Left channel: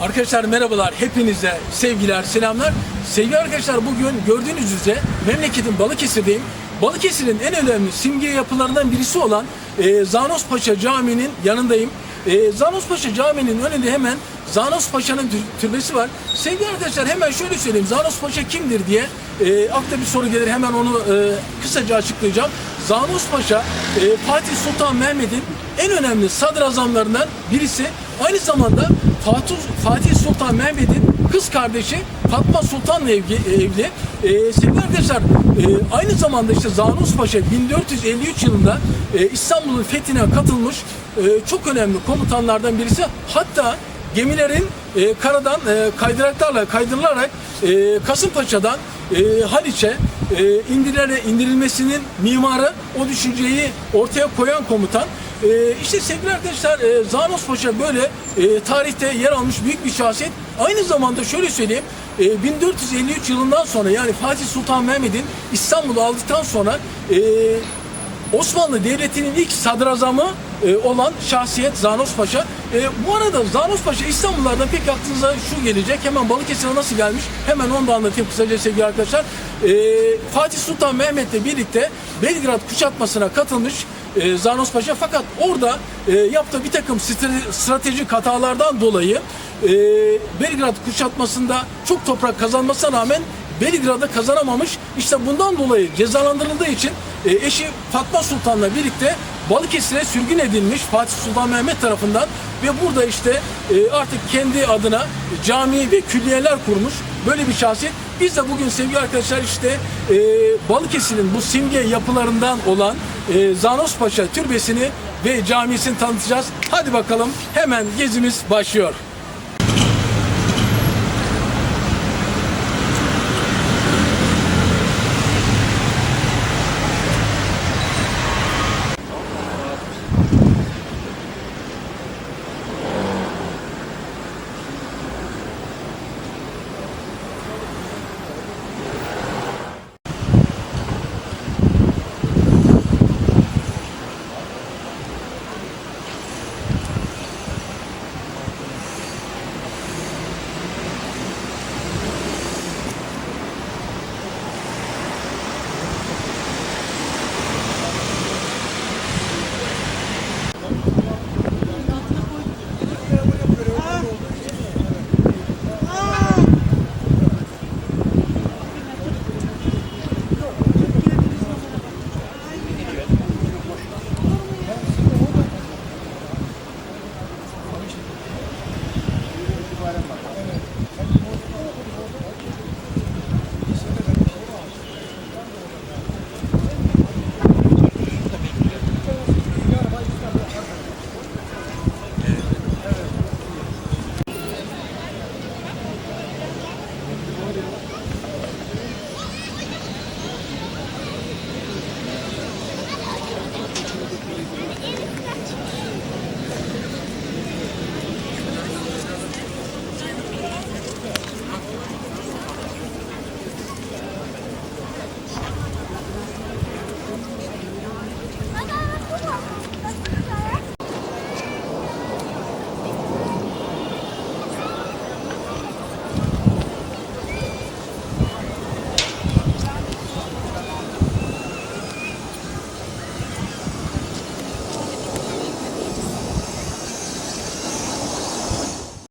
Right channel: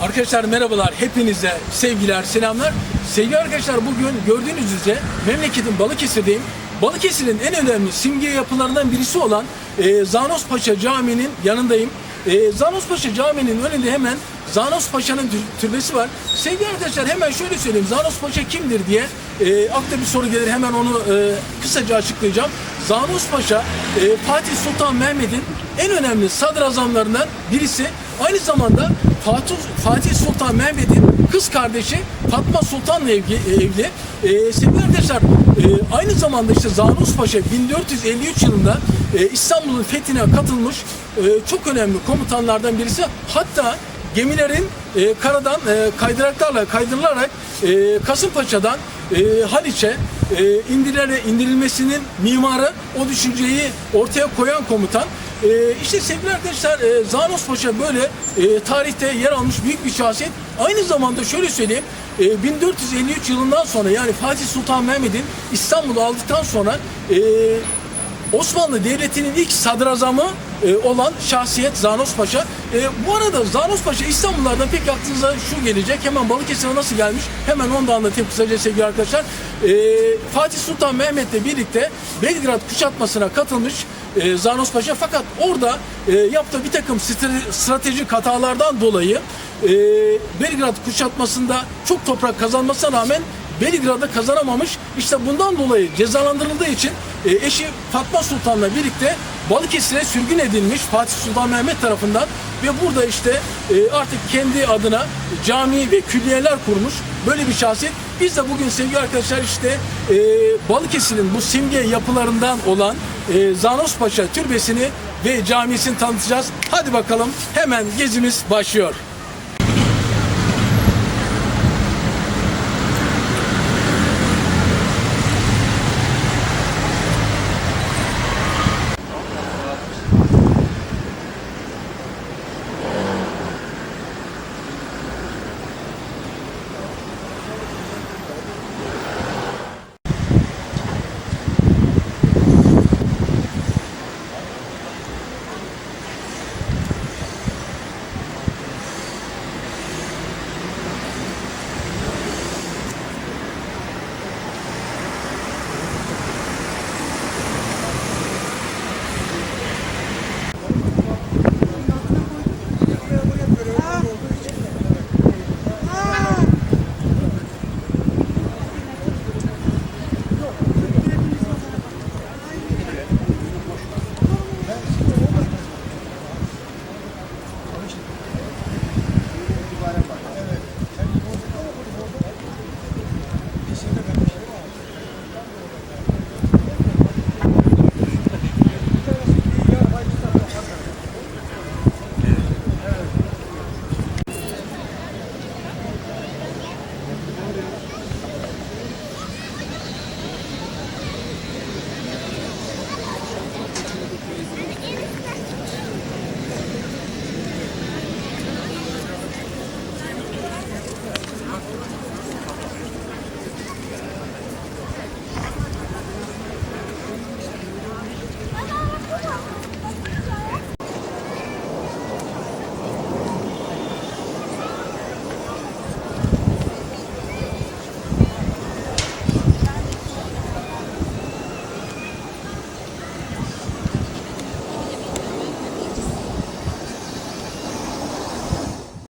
Arkadaşlar merhabalar. Hepinize sevgiler, selamlar. Sevgili arkadaşlar bugün gördüğünüz üzere memleketin Balıkesir'deyim. Balıkesir'in en önemli simge yapılarından birisi olan e, Zanos Paşa Camii'nin yanındayım. E, Zanos Paşa Camii'nin önünde hemen Zanos Paşa'nın tür- türbesi var. Sevgili arkadaşlar hemen şöyle söyleyeyim. Zanos Paşa kimdir diye e, akla bir soru gelir. Hemen onu e, kısaca açıklayacağım. Zanos Paşa e, Fatih Sultan Mehmet'in en önemli sadrazamlarından birisi. Aynı zamanda Fatih, Fatih Sultan Mehmet'in kız kardeşi Fatma Sultan'la evli. evli. E, sevgili arkadaşlar e, aynı zamanda işte Zanos Paşa 1453 yılında e, İstanbul'un fethine katılmış e, çok önemli komutanlardan birisi. Hatta gemilerin e, karadan e, kaydıraklarla kaydırılarak e, Kasımpaşa'dan e, Haliç'e e, indirilmesinin mimarı o düşünceyi ortaya koyan komutan. E, işte sevgili arkadaşlar e, Zanos Paşa böyle e, tarihte yer almış büyük bir şahsiyet. Aynı zamanda şöyle söyleyeyim e, 1453 yılından sonra yani Fatih Sultan Mehmet'in İstanbul'u aldıktan sonra e, Osmanlı Devleti'nin ilk sadrazamı e, olan şahsiyet Zanos Paşa. E, bu arada Zanos Paşa İstanbullardan pek aklınıza şu gelecek. Hemen Balıkesir'e nasıl gelmiş? Hemen onu da anlatayım kısaca sevgili arkadaşlar. E, Fatih Sultan Mehmet'le birlikte Belgrad kuşatmasına katılmış e, Zanos Paşa. Fakat orada e, yaptığı bir takım stratejik hatalardan dolayı e, Belgrad kuşatmasında çok toprak kazanmasına rağmen Belgrad'ı kazanamamış. İşte bundan dolayı cezalandırıldığı için e, eşi Fatma Sultan'la birlikte Balıkesir'e sürgün edilmiş Fatih Sultan Mehmet tarafından ve burada işte e, artık kendi adına cami ve külliyeler kurmuş. Böyle bir şahsiyet. Biz de bugün sevgili arkadaşlar işte e, Balıkesir'in bu simge yapılarından olan e, Zanos Paşa Türbesi'ni ve camisini tanıtacağız. Hadi bakalım hemen gezimiz başlıyor. വരെ